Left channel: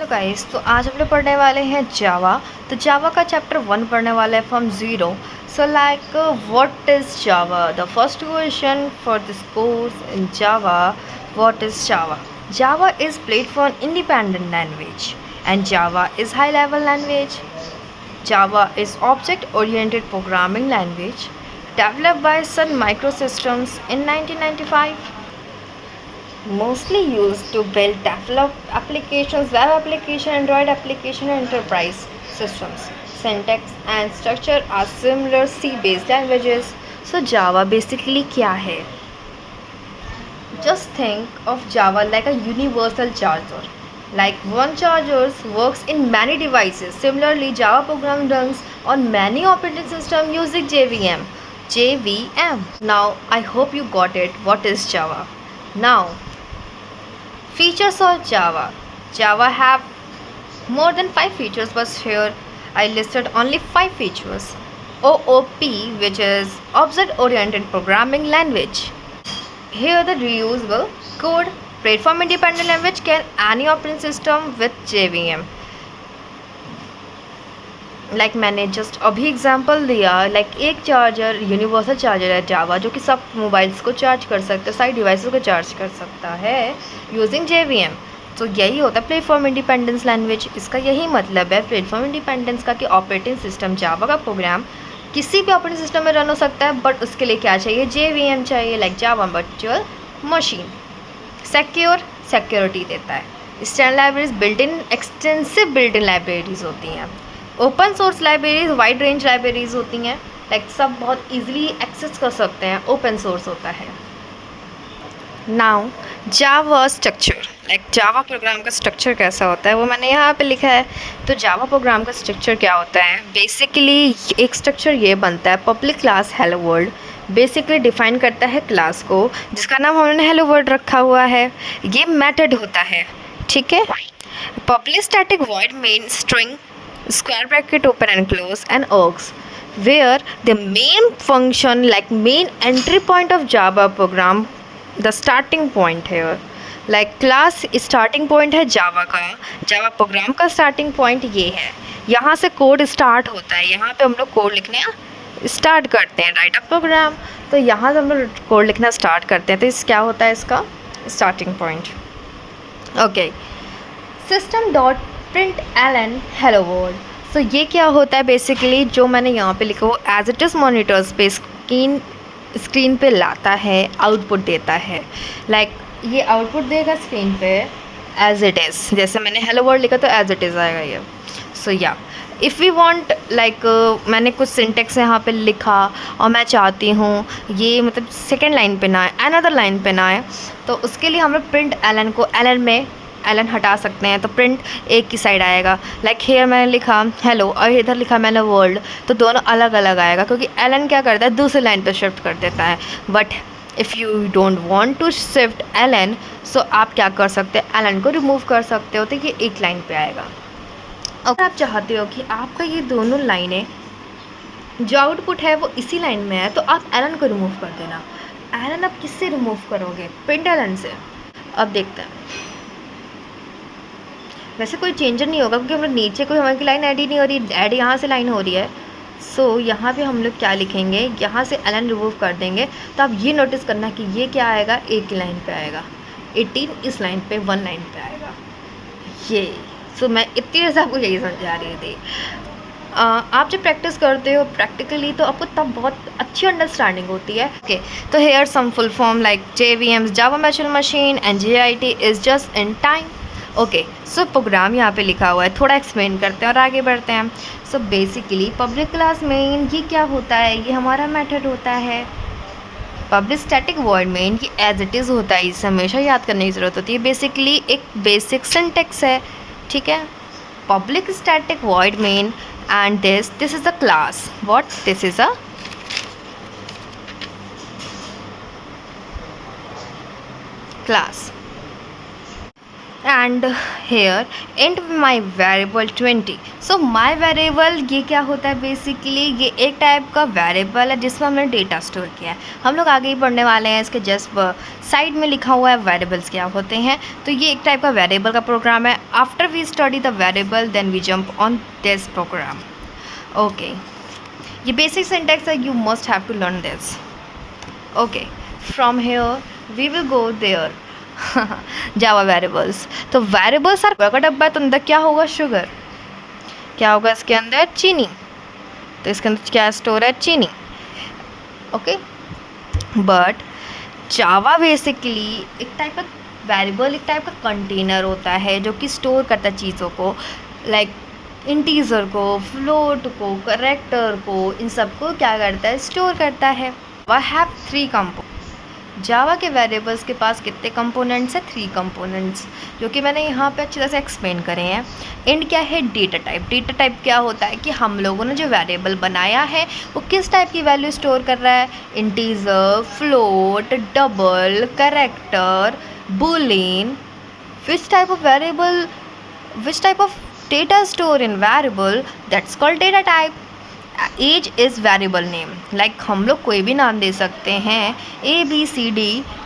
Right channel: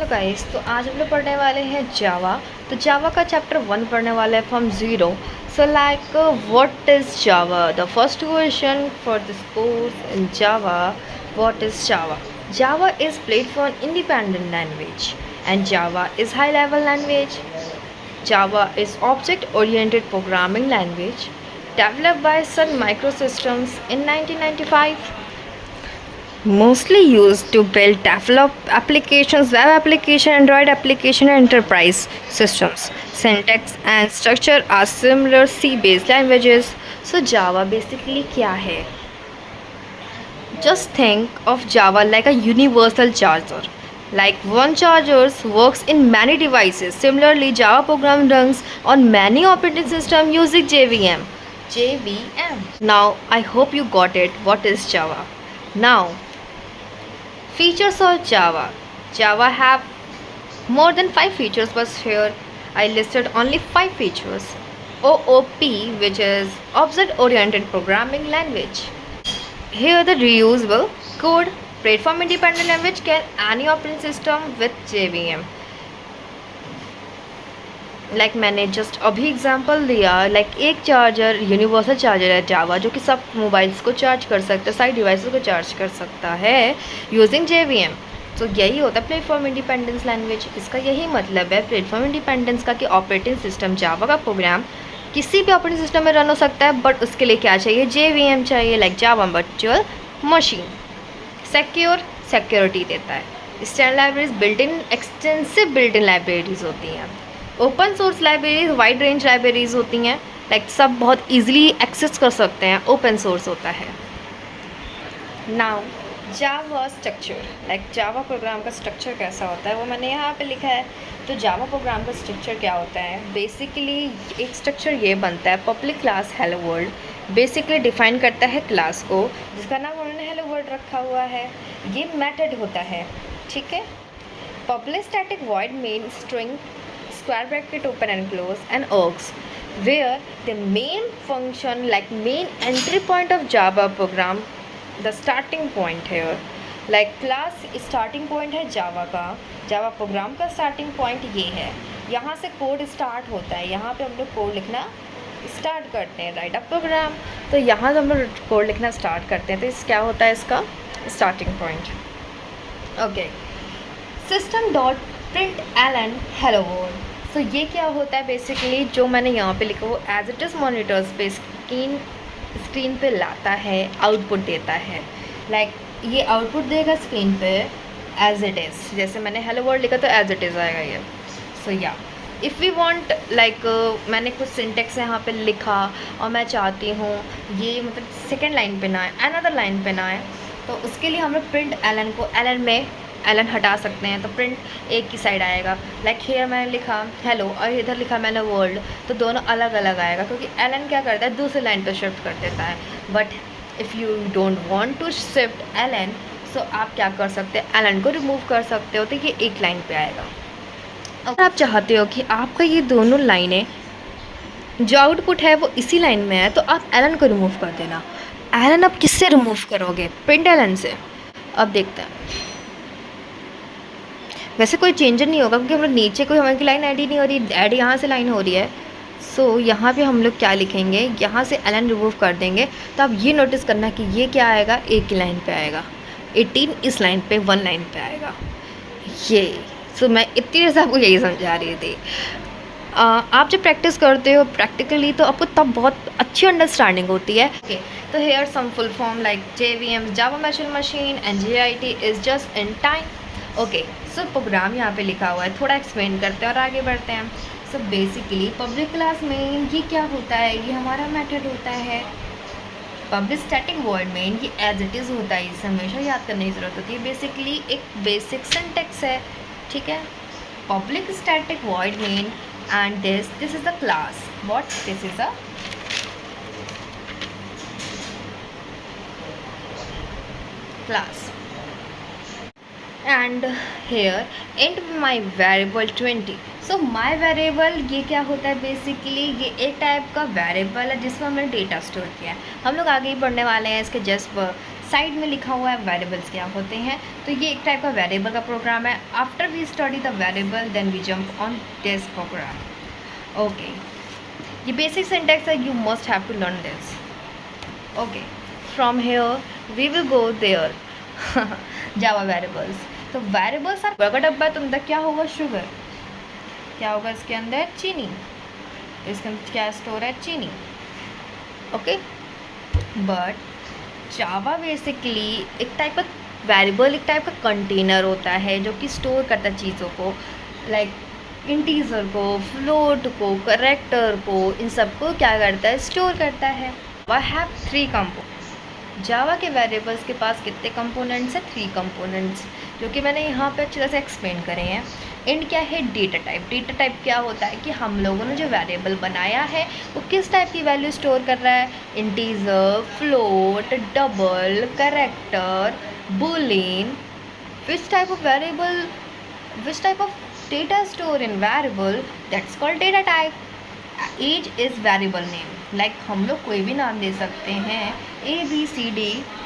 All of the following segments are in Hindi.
हेलो गाइस, तो आज हम लोग पढ़ने वाले हैं जावा। तो जावा का चैप्टर 1 पढ़ने वाले हैं from zero. So like what is Java? The first question for this course in Java, what is Java? Java is platform independent language and Java is high level language. Java is object-oriented programming language developed by Sun Microsystems in 1995. Mostly used to build develop applications, web application, Android application, and enterprise systems. Syntax and structure are similar C-based languages. So Java basically क्या है? Just think of Java like a universal charger. Like one charger works in many devices. Similarly, Java program runs on many operating systems using JVM. JVM. Now, I hope you got it. What is Java? Now, features of Java. Java have more than 5 features, but here I listed only 5 features. OOP, which is Object Oriented Programming Language. Here the reusable code, platform independent language, can any operating system with JVM. Like मैंने जस्ट अभी एग्जांपल दिया, लाइक एक चार्जर यूनिवर्सल चार्जर है जावा जो कि सब मोबाइल्स को चार्ज कर सकता है, सारी डिवाइसेस को चार्ज कर सकता है यूजिंग JVM. तो यही होता है प्लेटफॉर्म इंडिपेंडेंस लैंग्वेज. इसका यही मतलब है प्लेटफॉर्म इंडिपेंडेंस का कि ऑपरेटिंग सिस्टम जावा का प्रोग्राम किसी भी ऑपरेटिंग सिस्टम में रन हो सकता है, बट उसके लिए क्या चाहिए? JVM चाहिए, like Java virtual machine. Security देता है. Standard libraries built in extensive built in libraries होती हैं. Open source libraries wide range libraries होती हैं, लाइक सब बहुत इजीली एक्सेस कर सकते हैं, ओपन सोर्स होता है. नाउ जावा स्ट्रक्चर, लाइक जावा प्रोग्राम का स्ट्रक्चर कैसा होता है वो मैंने यहाँ पे लिखा है. तो जावा प्रोग्राम का स्ट्रक्चर क्या होता है? बेसिकली एक स्ट्रक्चर ये बनता है, public class hello world basically define करता है क्लास को, जिसका नाम हमने हेलो वर्ल्ड रखा हुआ है. ये मेथड होता है, ठीक है. Public static void main string square bracket open and close and args, where the main function, like main entry point of Java program, the starting point here, like class starting point है Java का, Java program का starting point ये है. यहाँ से कोड स्टार्ट होता है, यहाँ पे हम लोग कोड लिखना स्टार्ट करते हैं, राइट अ प्रोग्राम. तो यहाँ से हम लोग कोड लिखना स्टार्ट करते हैं, तो इस क्या होता है इसका starting point. Okay, system dot println hello world. तो ये क्या होता है? बेसिकली जो मैंने यहाँ पे लिखा वो एज इट इज़ मॉनिटर्स पे स्क्रीन पे लाता है, आउटपुट देता है. लाइक ये आउटपुट देगा स्क्रीन पे एज इट इज़. जैसे मैंने हेलो वर्ल्ड लिखा तो एज इट इज़ आएगा ये. सो या इफ़ वी वांट, लाइक मैंने कुछ सिंटेक्स यहाँ पे लिखा और मैं चाहती हूँ ये मतलब सेकेंड लाइन पे ना आए, अनदर लाइन पे ना आए, तो उसके लिए हम लोग प्रिंट एलन को एलन में एलन हटा सकते हैं, तो प्रिंट एक की साइड आएगा. लाइक हेयर मैंने लिखा हेलो और इधर लिखा मैंने वर्ल्ड, तो दोनों अलग अलग आएगा क्योंकि एलन क्या करता है दूसरी लाइन पे शिफ्ट कर देता है. But if you don't want to shift alone, so आप क्या कर सकते हैं? एलन को रिमूव कर सकते हो, तो ये एक लाइन पे आएगा. अगर आप चाहते हो कि आपका ये दोनों लाइनें जो आउटपुट है वो इसी लाइन में है, तो आप एलन को रिमूव कर देना. एलन आप किससे रिमूव करोगे? प्रिंट एलन से. अब देखते हैं. वैसे कोई चेंजर नहीं होगा क्योंकि हम लोग नीचे कोई हमारी लाइन ऐड ही नहीं हो रही, ऐड यहाँ से लाइन हो रही है. सो यहाँ पे हम लोग क्या लिखेंगे? यहाँ से एलन रिमूव कर देंगे. तो आप ये नोटिस करना कि ये क्या आएगा? एक की लाइन पे आएगा. 18 इस लाइन पे 1 लाइन पे आएगा ये. सो मैं इतनी देर से आपको यही समझा रही थी. आप जब प्रैक्टिस करते हो प्रैक्टिकली तो आपको तब बहुत अच्छी अंडरस्टैंडिंग होती है. ओके, तो here some full form like JVM Java virtual machine and JIT is just in time. Okay, so program यहाँ पे लिखा हुआ है, थोड़ा एक्सप्लेन करते हैं और आगे बढ़ते हैं. So basically public class main ये क्या होता है? ये हमारा मेथड होता है. पब्लिक स्टैटिक वॉइड मेन ये एज इट इज़ होता है, इसे हमेशा याद करने की ज़रूरत होती है. बेसिकली एक बेसिक सिंटेक्स है, ठीक है. Public static void main and this is a class. What? This is a class. And here int my variable 20। So my variable ये क्या होता है, बेसिकली ये एक टाइप का वेरिएबल है जिसमें हमने डेटा स्टोर किया है। हम लोग आगे ही पढ़ने वाले हैं, इसके जस्ट साइड में लिखा हुआ है वेरिएबल्स क्या होते हैं। तो ये एक टाइप का वेरिएबल का प्रोग्राम है। After we study the variable then we jump on this program. Okay, ये बेसिक सिंटैक्स है, you must have to learn this. Okay, from here we will go there. Java variables, तो वेरिएबल्स आर का डब्बा है, तो अंदर क्या होगा, शुगर। क्या होगा इसके अंदर, चीनी। तो इसके अंदर क्या स्टोर है, चीनी। ओके, बट जावा बेसिकली एक टाइप का वेरिएबल, एक टाइप का कंटेनर होता है जो कि स्टोर करता है चीज़ों को, लाइक इंटीजर को, फ्लोट को, करेक्टर को, इन सबको क्या करता है, स्टोर करता है। जावा हैव 3 कंपोनेंट। जावा के वेरिएबल्स के पास कितने कंपोनेंट्स हैं, 3 कंपोनेंट्स, जो कि मैंने यहाँ पे अच्छी तरह से एक्सप्लेन करे हैं। इंड क्या है, डेटा टाइप। डेटा टाइप क्या होता है कि हम लोगों ने जो वेरिएबल बनाया है वो किस टाइप की वैल्यू स्टोर कर रहा है, integer, float, double, character, boolean. Which type of variable, which type of data store in variable, that's called data type. Age is variable name, like हम लोग कोई भी नाम दे सकते हैं, ABCD,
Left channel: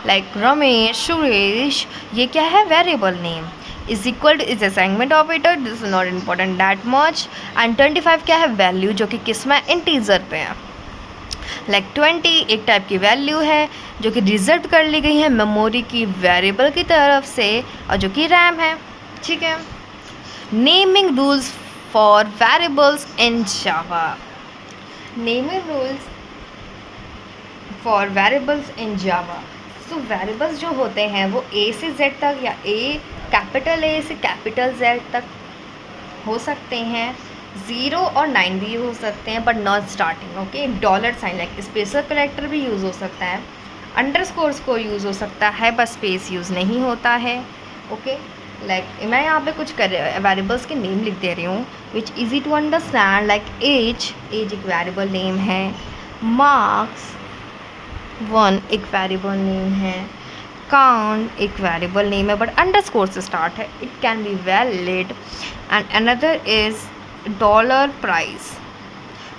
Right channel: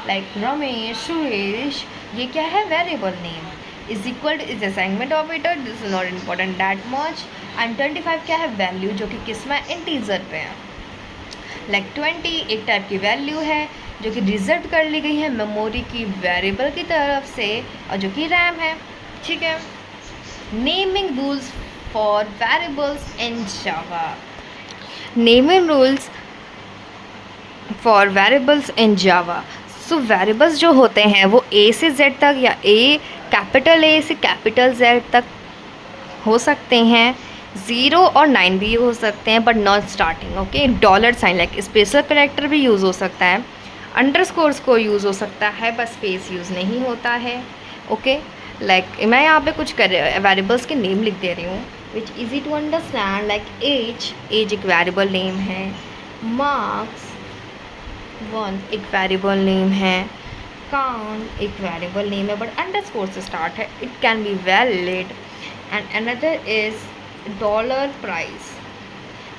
लाइक रमेश, सुरेश, ये क्या है, variable name. Is equal two is assignment operator, this is not important that much. And 25 क्या है, वैल्यू, जो कि किस में, इंटीजर पे है। लाइक 20 एक टाइप की वैल्यू है जो कि रिजर्व कर ली गई है मेमोरी की वेरिएबल की तरफ से, और जो कि रैम है। ठीक है, naming rules for variables in Java. Naming rules for variables in Java. So variables जो होते हैं वो A से Z तक, या कैपिटल A से कैपिटल Z तक हो सकते हैं। 0 और 9 भी हो सकते हैं, but not starting. Okay, dollar sign like special character भी यूज़ हो सकता है, अंडरस्कोर्स को यूज़ हो सकता है, बस स्पेस यूज़ नहीं होता है। ओके, लाइक मैं यहाँ पे कुछ वेरिएबल्स के नेम लिख दे रही हूँ which easy to understand. Like as, as एक वेरिएबल नेम है। मार्क्स 1 एक वेरिएबल नेम है। काउंट एक वेरिएबल नेम है बट अंडरस्कोर से स्टार्ट है, it can be valid. And another is dollar price.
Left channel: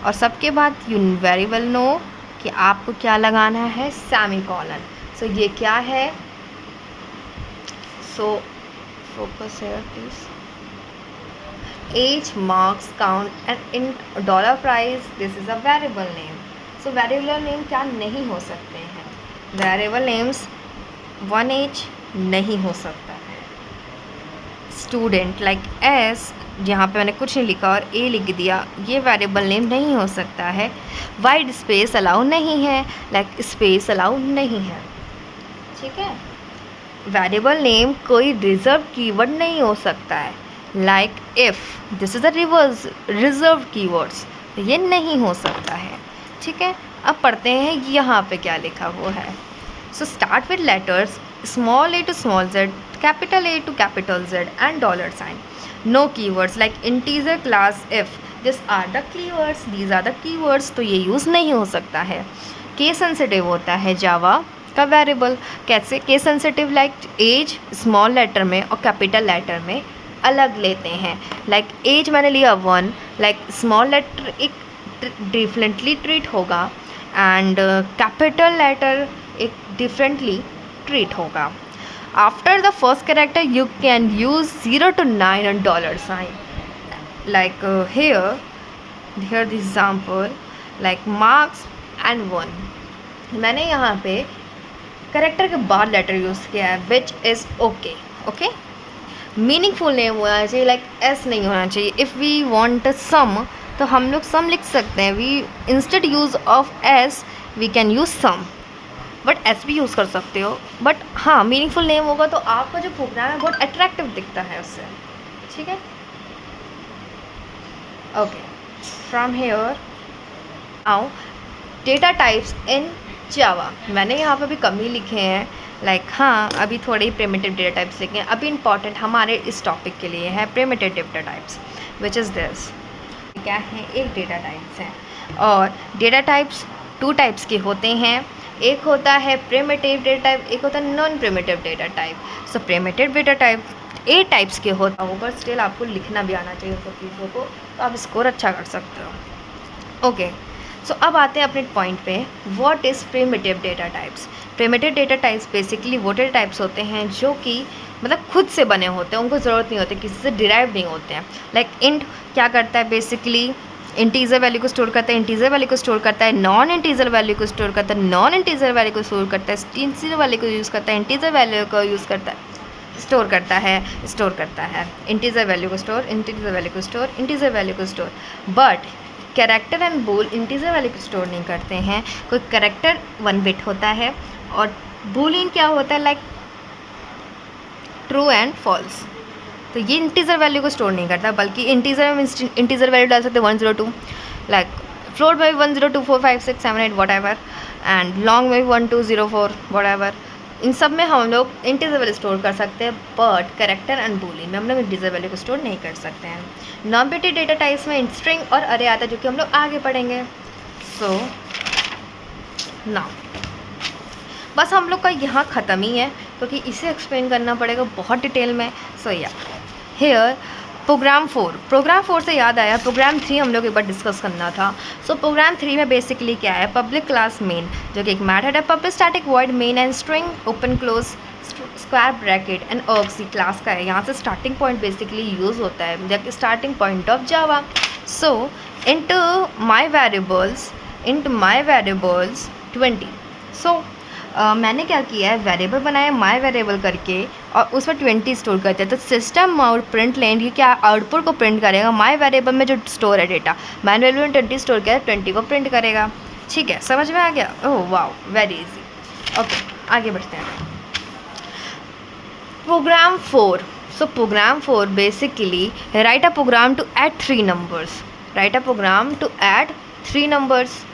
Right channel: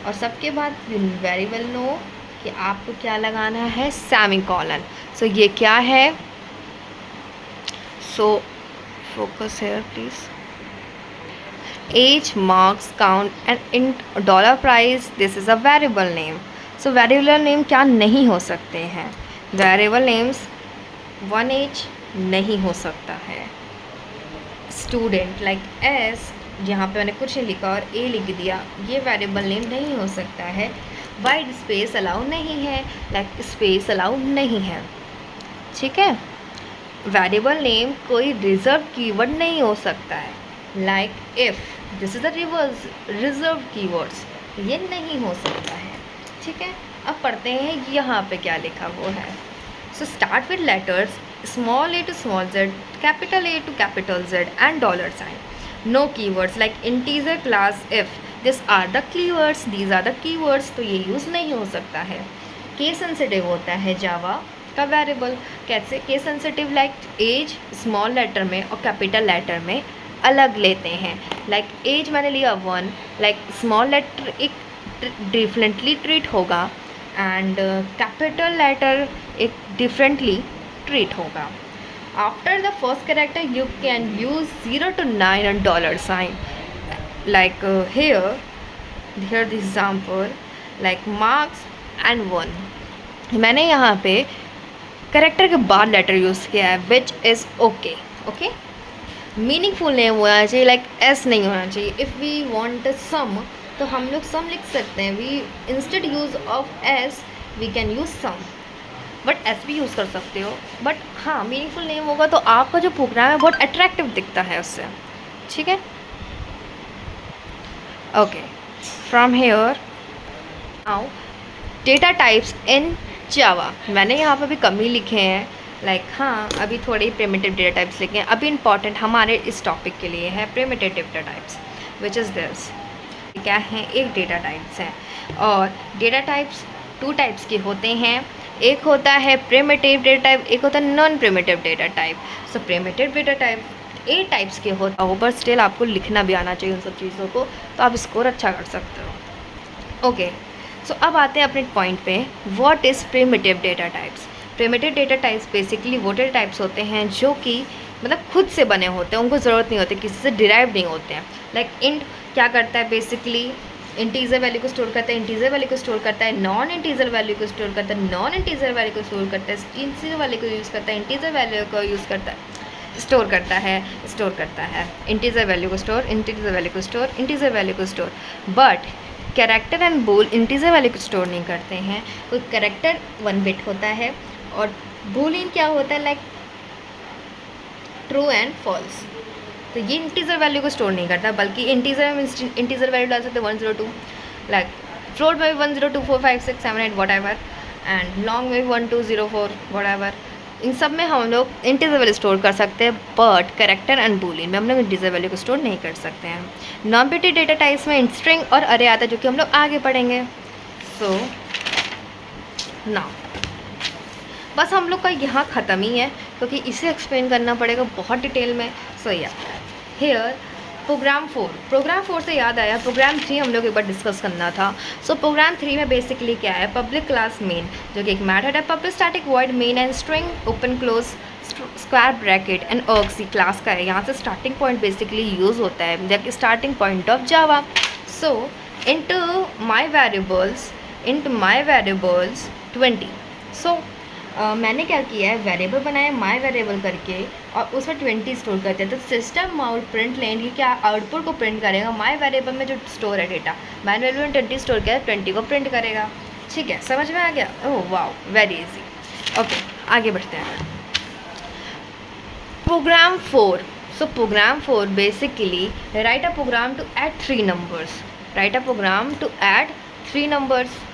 और सबके बाद यू वेरी वेल नो कि आपको क्या लगाना है, सेमीकोलन। सो ये क्या है, सो focus here please. Age, marks, count and in dollar price, this is a variable name. So variable name क्या नहीं हो सकते हैं, variable names 1 age नहीं हो सकता है। Student like S, यहाँ पे मैंने कुछ नहीं लिखा और A लिख दिया, ये वेरिएबल नेम नहीं हो सकता है। वाइड स्पेस अलाउ नहीं है, लाइक स्पेस अलाउ नहीं है। ठीक है, वेरिएबल नेम कोई रिजर्व कीवर्ड नहीं हो सकता है, like if, this is a reserve keywords, ये नहीं हो सकता है। ठीक है, अब पढ़ते हैं यहाँ पे क्या लिखा हुआ है। So start with letters small a to small z, capital A to capital Z and dollar sign. No keywords like integer, class, if, this are the keywords, these are the keywords, तो ये यूज़ नहीं हो सकता है। केस सेंसिटिव होता है जावा का वेरिएबल। कैसे case sensitive, like as small letter में और कैपिटल लेटर में अलग लेते हैं। लाइक एज मैंने लिया 1, लाइक स्मॉल लेटर एक डिफरेंटली ट्रीट होगा एंड कैपिटल लेटर एक डिफरेंटली ट्रीट होगा। After the first character you can use 0 to 9 and dollar sign, like here the example like marks and 1। मैंने यहाँ पे करेक्टर के बाद लेटर यूज़ किया है which is okay. Okay, meaningful name होना चाहिए, लाइक एस नहीं होना चाहिए। इफ़ वी वांट सम तो हम लोग सम लिख सकते हैं, we instead use of s we can use sum, but s भी यूज़ कर सकते हो। बट हाँ, मीनिंगफुल नेम होगा तो आपका जो प्रोग्राम है बहुत अट्रैक्टिव दिखता है उससे। ठीक है, okay, from here now data types in Java. मैंने यहाँ पे भी कम ही लिखे हैं, लाइक हाँ अभी थोड़े ही प्रिमिटिव डेटा टाइप्स लिखे हैं। अभी इंपॉर्टेंट हमारे इस टॉपिक के लिए है primitive data types which is this. क्या है, एक डेटा टाइप्स है और डेटा टाइप्स 2 टाइप्स के होते हैं। एक होता है प्रिमिटिव डेटा टाइप, एक होता है non primitive data type. So primitive data type A types के होता हो, पर स्टिल आपको लिखना भी आना चाहिए उन सब चीज़ों को, तो आप स्कोर अच्छा कर सकते हो। ओके, सो अब आते हैं अपने पॉइंट पे, what is primitive data types. Primitive data types basically वो डेटा टाइप्स होते हैं जो कि मतलब खुद से बने होते हैं, उनको ज़रूरत नहीं होती, किसी से डिराइव नहीं होते हैं। लाइक इंट क्या करता है, बेसिकली इंटीजर वैल्यू को स्टोर करता है, इंटीजर वैल्यू को स्टोर करता है, नॉन इंटीजर वैल्यू को स्टोर करता है, नॉन इंटीजर वैल्यू को स्टोर करता है, इंटीजर वैल्यू को यूज़ करता है, इंटीजर वैल्यू को यूज़ करता है, स्टोर करता है, इंटीजर वैल्यू को स्टोर, इंटीजर वैल्यू को स्टोर, इंटीजर वैल्यू को store. But character and bool integer value को स्टोर नहीं करते हैं। कोई कैरेक्टर 1 बिट होता है और बूलियन क्या होता है, लाइक ट्रू एंड फॉल्स। तो ये इंटीजर वैल्यू को स्टोर नहीं करता, बल्कि इंटीजर में इंटीजर वैल्यू डाल सकते हैं 102, लाइक फ्लोट में भी 1024567 वट एवर, एंड लॉन्ग में भी 1204 वट एवर। इन सब में हम लोग इंटीजर वैल्यू स्टोर कर सकते हैं, बट कैरेक्टर एंड बूलियन में हम लोग इंटीजर वैल्यू को स्टोर नहीं कर सकते हैं। नॉन बिट डेटा टाइप्स में स्ट्रिंग और अरे आता है, जो कि हम लोग आगे पढ़ेंगे। सो नाउ बस हम लोग का यहाँ ख़त्म ही है, क्योंकि इसे एक्सप्लेन करना पड़ेगा बहुत डिटेल में। सो या हेयर प्रोग्राम 4 से याद आया, प्रोग्राम 3 हम लोग एक बार डिस्कस करना था। सो प्रोग्राम 3 में बेसिकली क्या है, पब्लिक क्लास मेन, जो कि एक मेथड है, public static void main and string open close square bracket and args class का है। यहाँ से स्टार्टिंग पॉइंट बेसिकली यूज़ होता है, जबकि starting point of Java. So into my variables 20। सो मैंने क्या किया है, वेरिएबल बनाया माई वेरिएबल करके, और उसमें 20 स्टोर करते हैं। तो सिस्टम आउट प्रिंट लेन ये क्या आउटपुट को प्रिंट करेगा, माई वेरिएबल में जो स्टोर है डेटा, माई वेरिएबल में 20 स्टोर किया है, 20 को प्रिंट करेगा। ठीक है, समझ में आ गया? Oh wow, very easy. Okay, आगे बढ़ते हैं। Program 4। So program 4 basically write a program to add 3 numbers,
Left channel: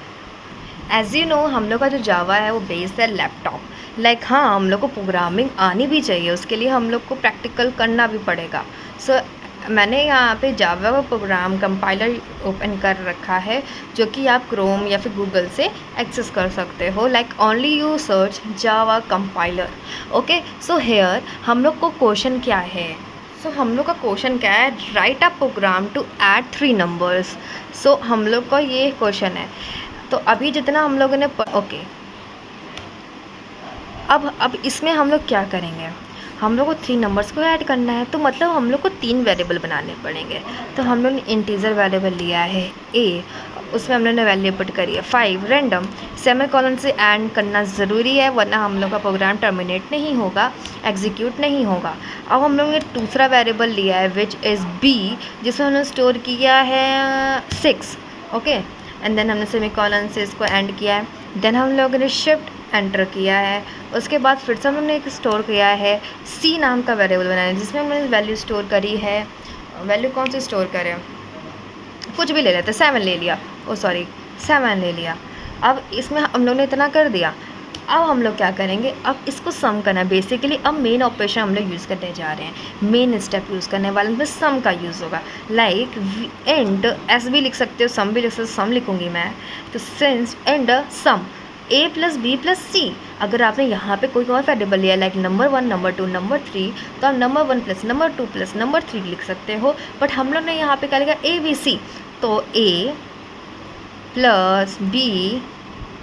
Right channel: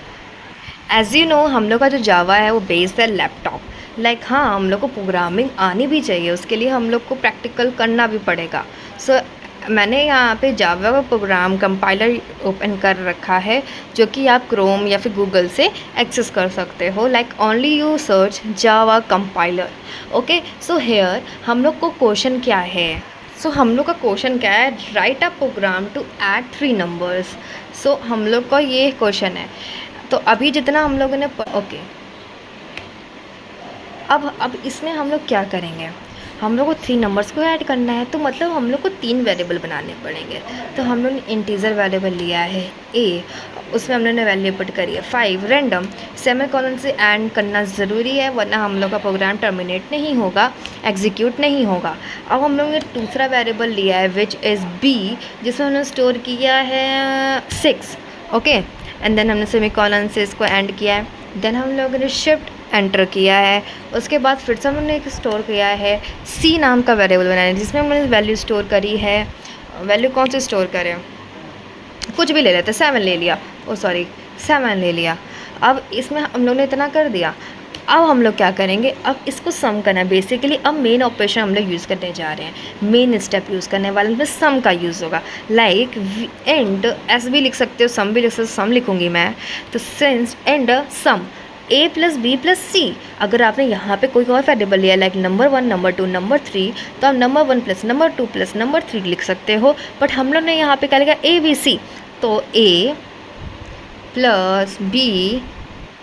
as you know हम लोग का जो जावा है वो बेस्ड है लैपटॉप। लाइक हाँ, हम लोग को प्रोग्रामिंग आनी भी चाहिए, उसके लिए हम लोग को प्रैक्टिकल करना भी पड़ेगा। सो मैंने यहाँ पे जावा का प्रोग्राम कंपाइलर ओपन कर रखा है, जो कि आप क्रोम या फिर गूगल से एक्सेस कर सकते हो। Like only you search Java compiler. Okay, so here हम लोग को क्वेश्चन क्या है, हम लोग का क्वेश्चन क्या है, write a program to add 3 numbers. So हम लोग का ये क्वेश्चन है। तो अभी जितना हम लोगों ने ओके, अब इसमें हम लोग क्या करेंगे, हम लोग को 3 नंबर्स को ऐड करना है, तो मतलब हम लोग को 3 वेरिएबल बनाने पड़ेंगे। तो हम लोग ने इंटीजर वेरिएबल लिया है ए, उसमें हम लोग ने वैल्यू पुट करी है 5 रैंडम, सेमीकोलन से ऐड करना ज़रूरी है, वरना हम लोग का प्रोग्राम टर्मिनेट नहीं होगा, एग्जीक्यूट नहीं होगा। अब हम लोग ने दूसरा वेरिएबल लिया है विच इज़ बी, जिसमें हमने स्टोर किया है 6। ओके, एंड देन हमने सेमीकोलन से इसको एंड किया है। देन हम लोगों ने शिफ्ट एंटर किया है, उसके बाद फिर से हमने एक स्टोर किया है सी नाम का वेरिएबल बनाया है, जिसमें हमने वैल्यू स्टोर करी है। वैल्यू कौन सी स्टोर करें, कुछ भी ले लेते, 7 ले लिया, 7 ले लिया। अब इसमें हम लोग ने इतना कर दिया। अब हम लोग क्या करेंगे, अब इसको सम करना है बेसिकली। अब मेन ऑपरेशन हम लोग यूज़ करने जा रहे हैं, मेन स्टेप यूज़ करने वाले में सम का यूज़ होगा। लाइक एंड एस भी लिख सकते हो, सम भी लिख सकते हो, सम लिखूँगी मैं। तो since and sum a plus B plus C, अगर आपने यहाँ पे कोई और वेरिएबल लिया लाइक नंबर 1 नंबर 2 नंबर 3, तो आप number 1 plus number 2 plus number 3 लिख सकते हो। बट हम लोग ने यहाँ पे क्या लिखा, ए बी सी, तो a plus B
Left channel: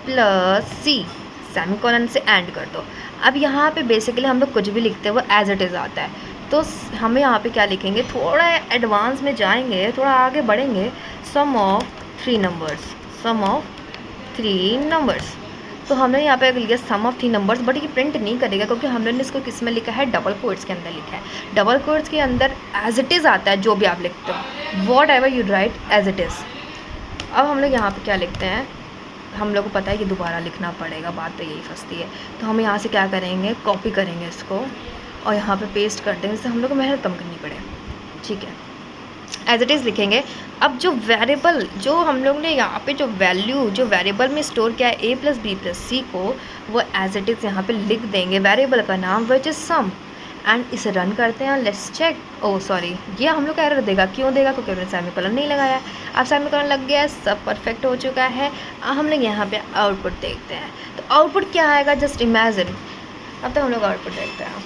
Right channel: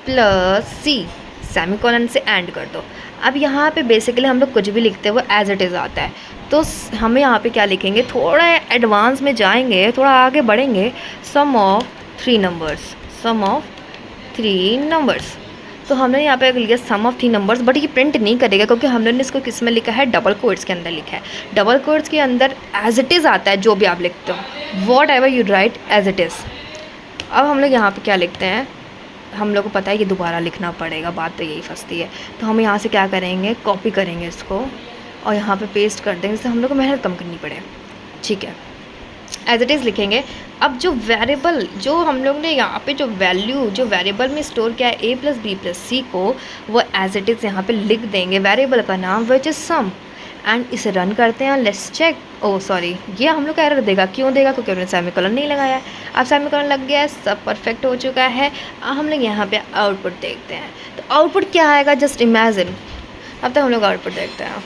plus c semicolon से एंड कर दो। अब यहाँ पे बेसिकली हम लोग कुछ भी लिखते हुए एज इट इज़ आता है, तो हमें यहाँ पे क्या लिखेंगे, थोड़ा एडवांस में जाएंगे, थोड़ा आगे बढ़ेंगे। सम ऑफ 3 नंबर्स, तो हमने यहाँ पे लिया सम ऑफ 3 नंबर्स, बट ये प्रिंट नहीं करेगा क्योंकि हमने इसको किस में लिखा है, डबल कोट्स के अंदर लिखा है। डबल कोट्स के अंदर एज इट इज़ आता है, जो भी आप लिखते हो, whatever you write as it is. अब हम लोग यहाँ पे क्या लिखते हैं, हम लोग को पता है कि दोबारा लिखना पड़ेगा, बात तो यही फंसती है। तो हम यहाँ से क्या करेंगे, कॉपी करेंगे इसको और यहाँ पे पेस्ट कर देंगे, जिससे हम लोग को मेहनत कम करनी पड़े। ठीक है, एज इट इज़ लिखेंगे। अब जो वेरिएबल, जो हम लोग ने यहाँ पे जो वैल्यू जो वेरिएबल में स्टोर किया है ए प्लस बी प्लस सी को, वो एज इट इज़ यहाँ पे लिख देंगे, वेरिएबल का नाम विच इज़ सम, एंड इसे रन करते हैं। लेट्स चेक, ओह सॉरी, ये हम लोग का एरर देगा, क्यों देगा, क्योंकि हमने सेमीकोलन नहीं लगाया है। अब सेमीकोलन लग गया है, सब परफेक्ट हो चुका है। हम लोग यहाँ पे आउटपुट देखते हैं, तो आउटपुट क्या आएगा, जस्ट इमेजिन। अब तो हम लोग आउटपुट देखते हैं।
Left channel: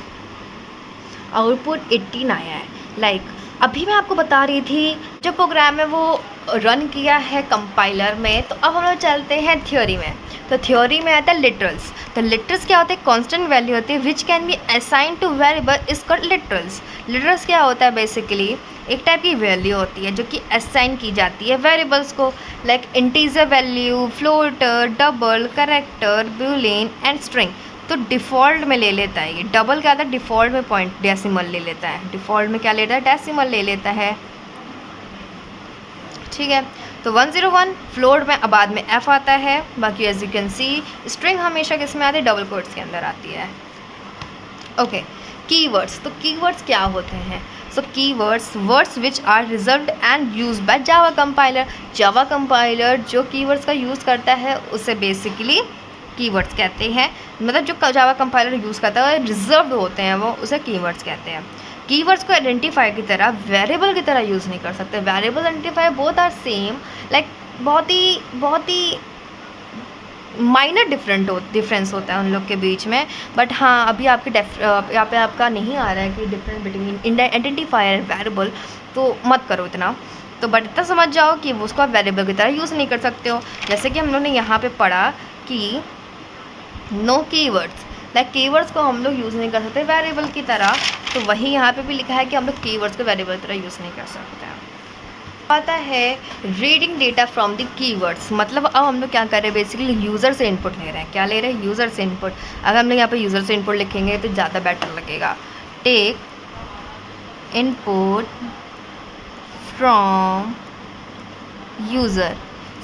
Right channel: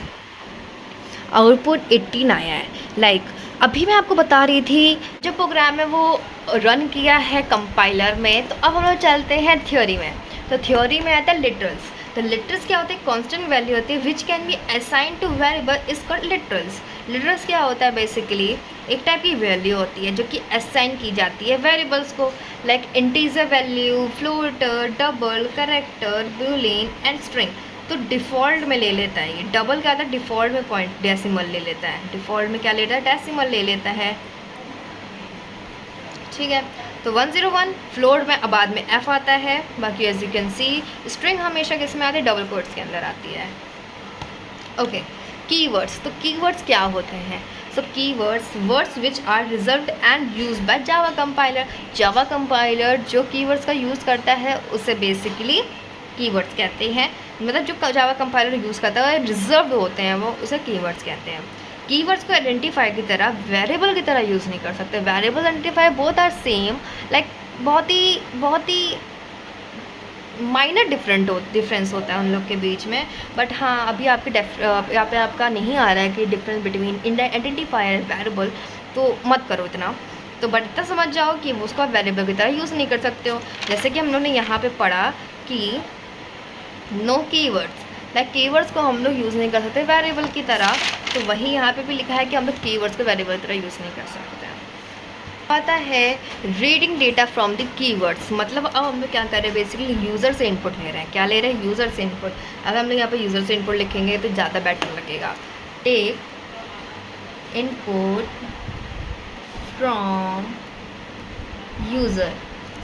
आउटपुट 18 आया है। लाइक अभी मैं आपको बता रही थी जो प्रोग्राम है वो रन किया है कंपाइलर में। तो अब हम लोग चलते हैं थ्योरी में। तो थ्योरी में आता है लिटरल्स। तो लिटरल्स क्या होते हैं? कांस्टेंट वैल्यू होती है which can be assign two variable is called literals. Literals क्या होता है? बेसिकली एक टाइप की वैल्यू होती है जो कि असाइन की जाती है वेरिएबल्स को, like integer value, floater, double, character, Boolean and string. तो डिफ़ॉल्ट में ले लेता है ये। डबल क्या होता है? डिफ़ॉल्ट में पॉइंट डेसिमल ले लेता है। डिफ़ॉल्ट में क्या लेता है? डेसिमल ले लेता है। ठीक है, तो 101 फ्लोट में बाद में एफ आता है। बाकी as you can see string हमेशा किस में आती है? डबल कोट्स के अंदर आती है। Okay, keywords. तो कीवर्ड्स क्या होते हैं? So keywords words which are reserved and use by Java compiler. Java compiler जो कीवर्ड्स का यूज़ करता है उसे बेसिकली कीवर्ड्स कहते हैं। मतलब जो जावा कंपाइलर यूज़ करता है रिजर्व्ड होते हैं वो, उसे कीवर्ड्स कहते हैं। कीवर्ड्स को आइडेंटिफायर की तरह वेरिएबल की तरह यूज़ नहीं कर सकते। Variable identifier both are same, like बहुत ही माइनर डिफरेंस होता है उन लोग के बीच में। बट हाँ, अभी आपके यहाँ पे आपका नहीं आ रहा है कि difference between identifier and variable, तो मत करो इतना। तो बट इतना समझ जाओ कि वो उसको आप वेरिएबल की तरह यूज़ नहीं कर सकते हो। जैसे कि हम लोगों ने यहाँ पे पढ़ा कि नो कीवर्ड्स, लाइक कीवर्ड्स को हम लोग यूज़ नहीं कर सकते वेरिएबल की तरह। तो वही यहाँ पे भी लिखा है कि हम लोग कीवर्ड्स को वेरिएबल की तरह यूज़ नहीं कर सकते हैं। आता है reading data from the keywords. मतलब अब हम लोग क्या कर रहे हैं? बेसिकली यूज़र से इनपुट ले रहे हैं। क्या ले रहे हैं? यूज़र से इनपुट। अगर हम लोग यहाँ पे यूज़र से इनपुट लिखेंगे तो ज़्यादा बेटर लगेगा। Take input from user.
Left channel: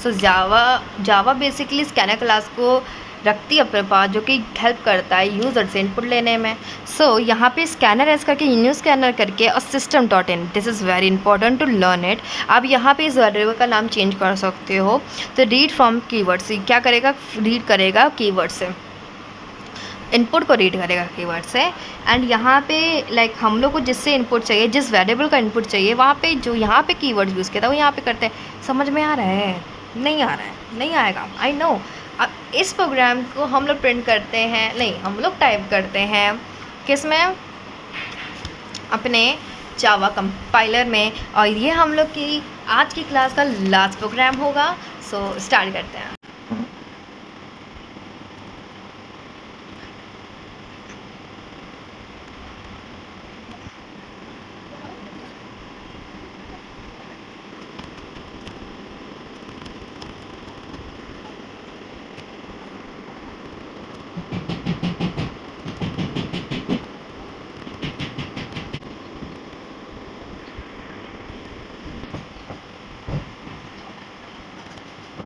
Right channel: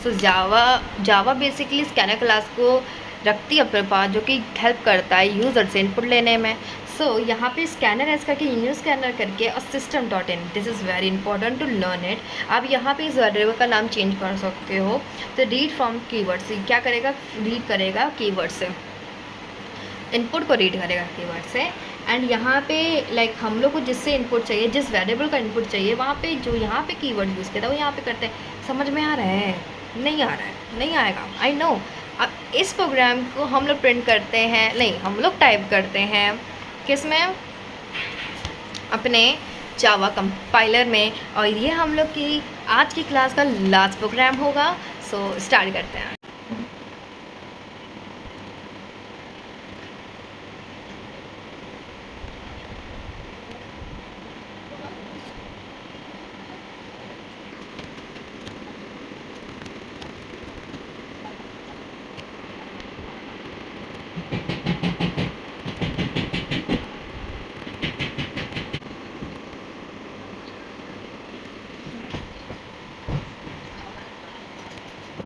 So Java basically scanner class को रखती है अपने पास, जो कि हेल्प करता है यूज़र से इनपुट लेने में। सो यहाँ पे स्कैनर एस करके न्यू स्कैनर करके और system.in, this is very important to learn it. आप यहाँ पे इस वेरिएबल का नाम चेंज कर सकते हो। तो रीड फ्रॉम कीवर्ड्स क्या करेगा? रीड करेगा कीवर्ड से, इनपुट को रीड करेगा कीवर्ड से। एंड यहाँ पे लाइक हम लोग को जिससे इनपुट चाहिए, जिस वेरिएबल का इनपुट चाहिए, वहाँ पे जो यहाँ पे कीवर्ड यूज़ किया था वो यहाँ पे करते हैं। समझ में आ रहा है? नहीं आ रहा है? नहीं आएगा, आई नो। अब इस प्रोग्राम को हम लोग प्रिंट करते हैं, नहीं हम लोग टाइप करते हैं किस में? अपने जावा कंपाइलर में। और ये हम लोग की आज की क्लास का लास्ट प्रोग्राम होगा। सो स्टार्ट करते हैं।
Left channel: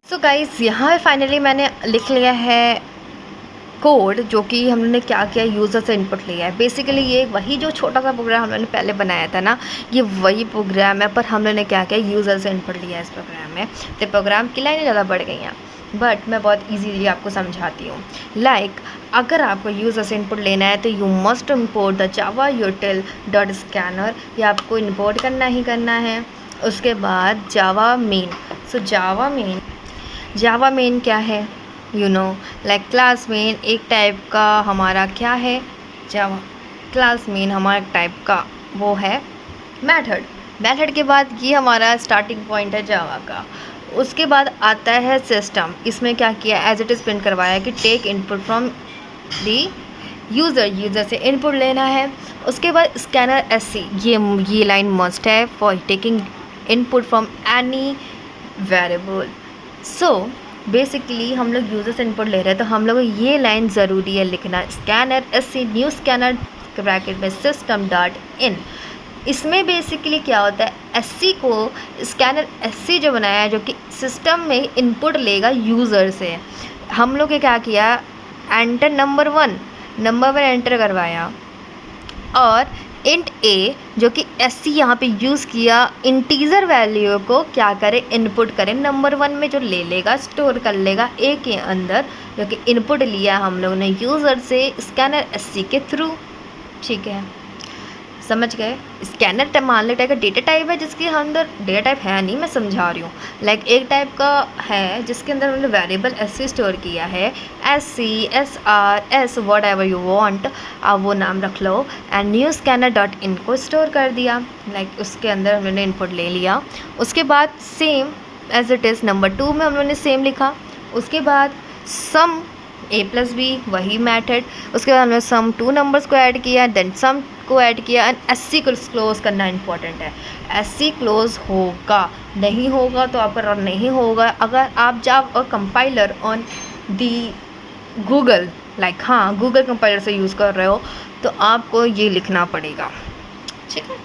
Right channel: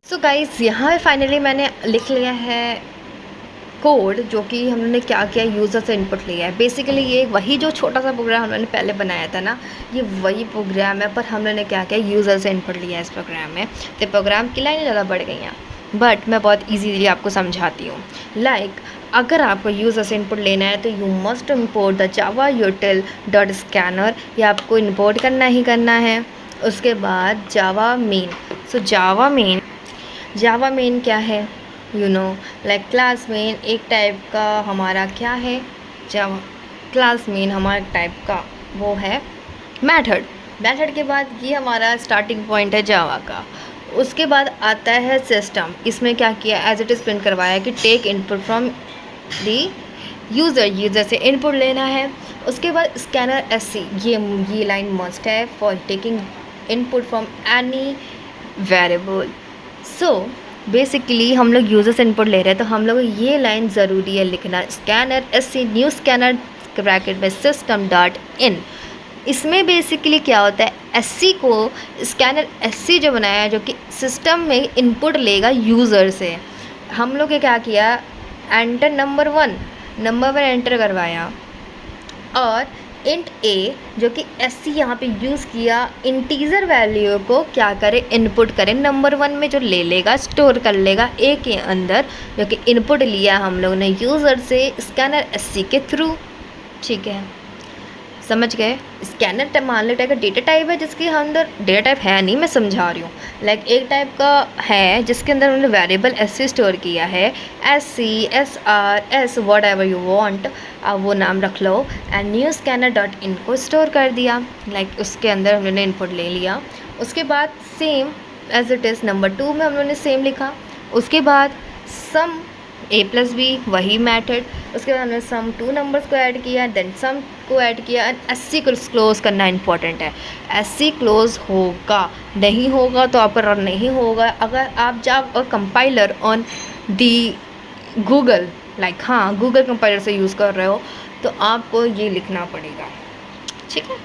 सो गाइस, यहाँ पे फाइनली मैंने लिख लिया है कोड, जो कि हम लोगों ने क्या किया, यूज़र से इनपुट लिया है। बेसिकली ये वही जो छोटा सा प्रोग्राम हम लोगों ने पहले बनाया था ना, ये वही प्रोग्राम है, पर हम लोगों ने क्या किया, यूज़र से इनपुट लिया है इस प्रोग्राम में। तो प्रोग्राम की लाइनें ज़्यादा बढ़ गई हैं, बट मैं बहुत ईजीली आपको समझाती हूँ। लाइक अगर आपको यूज़र से इनपुट लेना है तो you must import the Java यूटिल dot scanner, ये आपको इम्पोर्ट करना ही करना है। उसके बाद जावा मेन। सो जावा मेन क्या है? You know, like class main एक टाइप का हमारा क्या है? जावा क्लास मेन हमारा टाइप का वो है मेथड के बाद ये हमारा स्टार्टिंग पॉइंट है जावा का। उसके बाद आता है सिस्टम। इसमें क्या किया, एज इट इज़ प्रिंट करवाया कि take input from the user से इनपुट लेना है। उसके बाद स्कैनर एससी, ये लाइन मस्ट है for taking input from any variable. So basically हम लोग यूज़र से इनपुट ले रहे हैं, तो हम लोग ये लाइन ज़रूरी है लिखना, scanner SC new scanner bracket में system.in। इसमें बेसिकली क्या होता है, एससी को स्कैनर एससी जो बनाया है, जो कि सिस्टम में इनपुट लेगा यूज़र से। हम लोग ने क्या किया, एंटर नंबर वन एंटर करवाया, और इंट ए जो कि एससी यहाँ पे यूज़ किया, इंटीजर वैल्यू को क्या करे, इनपुट करे नंबर वन में, जो ले लेगा स्टोर कर लेगा ए के अंदर, जो कि इनपुट लिया हम लोग ने यूज़र से स्कैनर एससी के थ्रू। ठीक है, समझ गए। स्कैनर मान लो टाइप का डेटा टाइप है जिसके अंदर डेटा टाइप है नहीं, मैं समझा रही हूँ। लाइक एक टाइप का है जिसके अंदर उन्होंने वेरिएबल ऐसे स्टोर किया है, SC SR S whatever you want, आप वो नाम रख लो। And new scanner dot in को स्टोर कर दिया। लाइक उसके अंदर उन्होंने इनपुट ले लिया। उसके बाद same as it is number 2 में उन्होंने सेम लिखा। उसके बाद सम A+B वही मेथड। उसके बाद हमने सम 2 नंबर्स को ऐड किया, देन सम को ऐड किया एंड SC को क्लोज करना इंपॉर्टेंट है। SC क्लोज होगा, नहीं होगा तो आपका रन नहीं होगा। अगर आप जब compiler on the Google, like हाँ गूगल कंपाइलर से यूज़ कर रहे हो तो आपको ये लिखना पड़ेगा, ठीक है।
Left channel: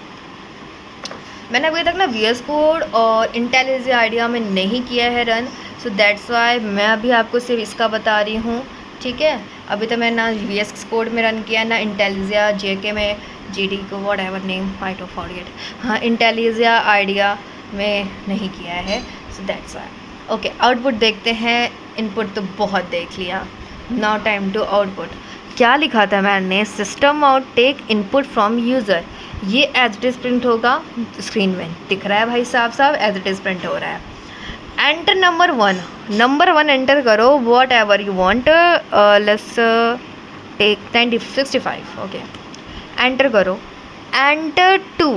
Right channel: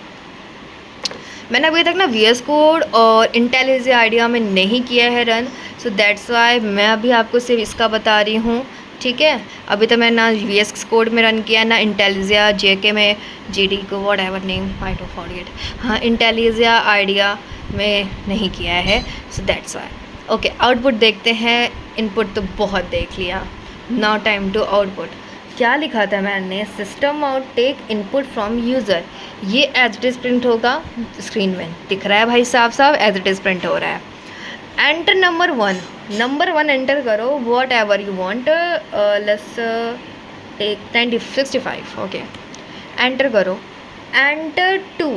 मैंने अभी तक ना VS कोड और इंटेलिजेंट आइडिया में नहीं किया है रन, सो दैट्स वाई मैं अभी आपको सिर्फ इसका बता रही हूँ, ठीक है। अभी तो मैंने ना VS कोड में रन किया ना इंटेलिजेंट JK में, GD को what ever name I don't forget, हाँ इंटेलिजेंट आइडिया में नहीं किया है, so that's why. Okay output देखते हैं। इनपुट तो बहुत देख लिया, नाउ टाइम टू आउटपुट। क्या लिखा था मैंने, system out take input from user, ये एज इट इज़ प्रिंट होगा, स्क्रीन में दिख रहा है भाई साहब एज इट इज़ प्रिंट हो रहा है। एंटर नंबर 1 एंटर करो, whatever you want, let's take 65, okay enter करो। एंटर 2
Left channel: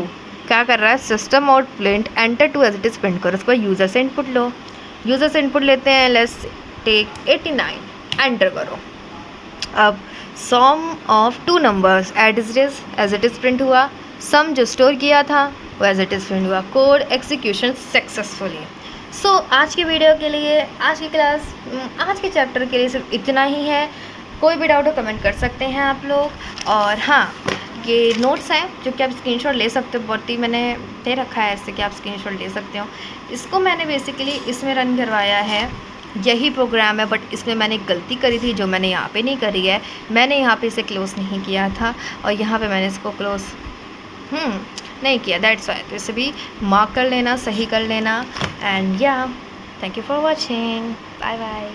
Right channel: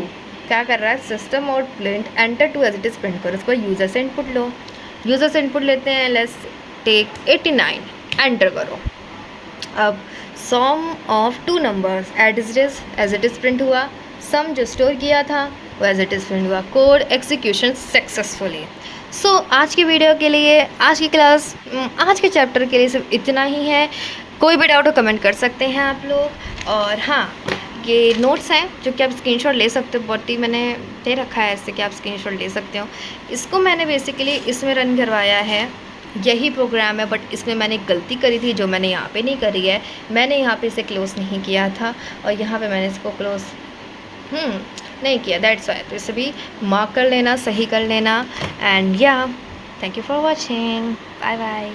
क्या कर रहा है, system out print enter 2 as it is print करो। उसको यूज़र से इनपुट लो, यूज़र से इनपुट लेते हैं, लेट्स टेक 89, एंटर करो। अब sum of 2 numbers as it is print हुआ, सम जो स्टोर किया था वो एज इट इज़ प्रिंट हुआ। Code execution successfully. सो आज की वीडियो के लिए, आज की क्लास, आज के चैप्टर के लिए सिर्फ इतना ही है। कोई भी डाउट हो कमेंट कर सकते हैं आप लोग। और हाँ, ये नोट्स हैं जो कि आप स्क्रीनशॉट ले सकते हो, बहुत ही मैंने दे रखा है ऐसे कि आप स्क्रीनशॉट ले सकते हो। इसको मैंने बेसिकली इसमें रन करवाया है, यही प्रोग्राम है, बट इसमें मैंने गलती करी थी जो मैंने यहाँ पे नहीं करी है। मैंने यहाँ पे इसे क्लोज़ नहीं किया था और यहाँ पे मैंने इसको क्लोज़ नहीं किया, दैट्स वाई। तो इसे भी मार्क कर लेना, सही कर लेना। एंड या thank you for watching, bye bye.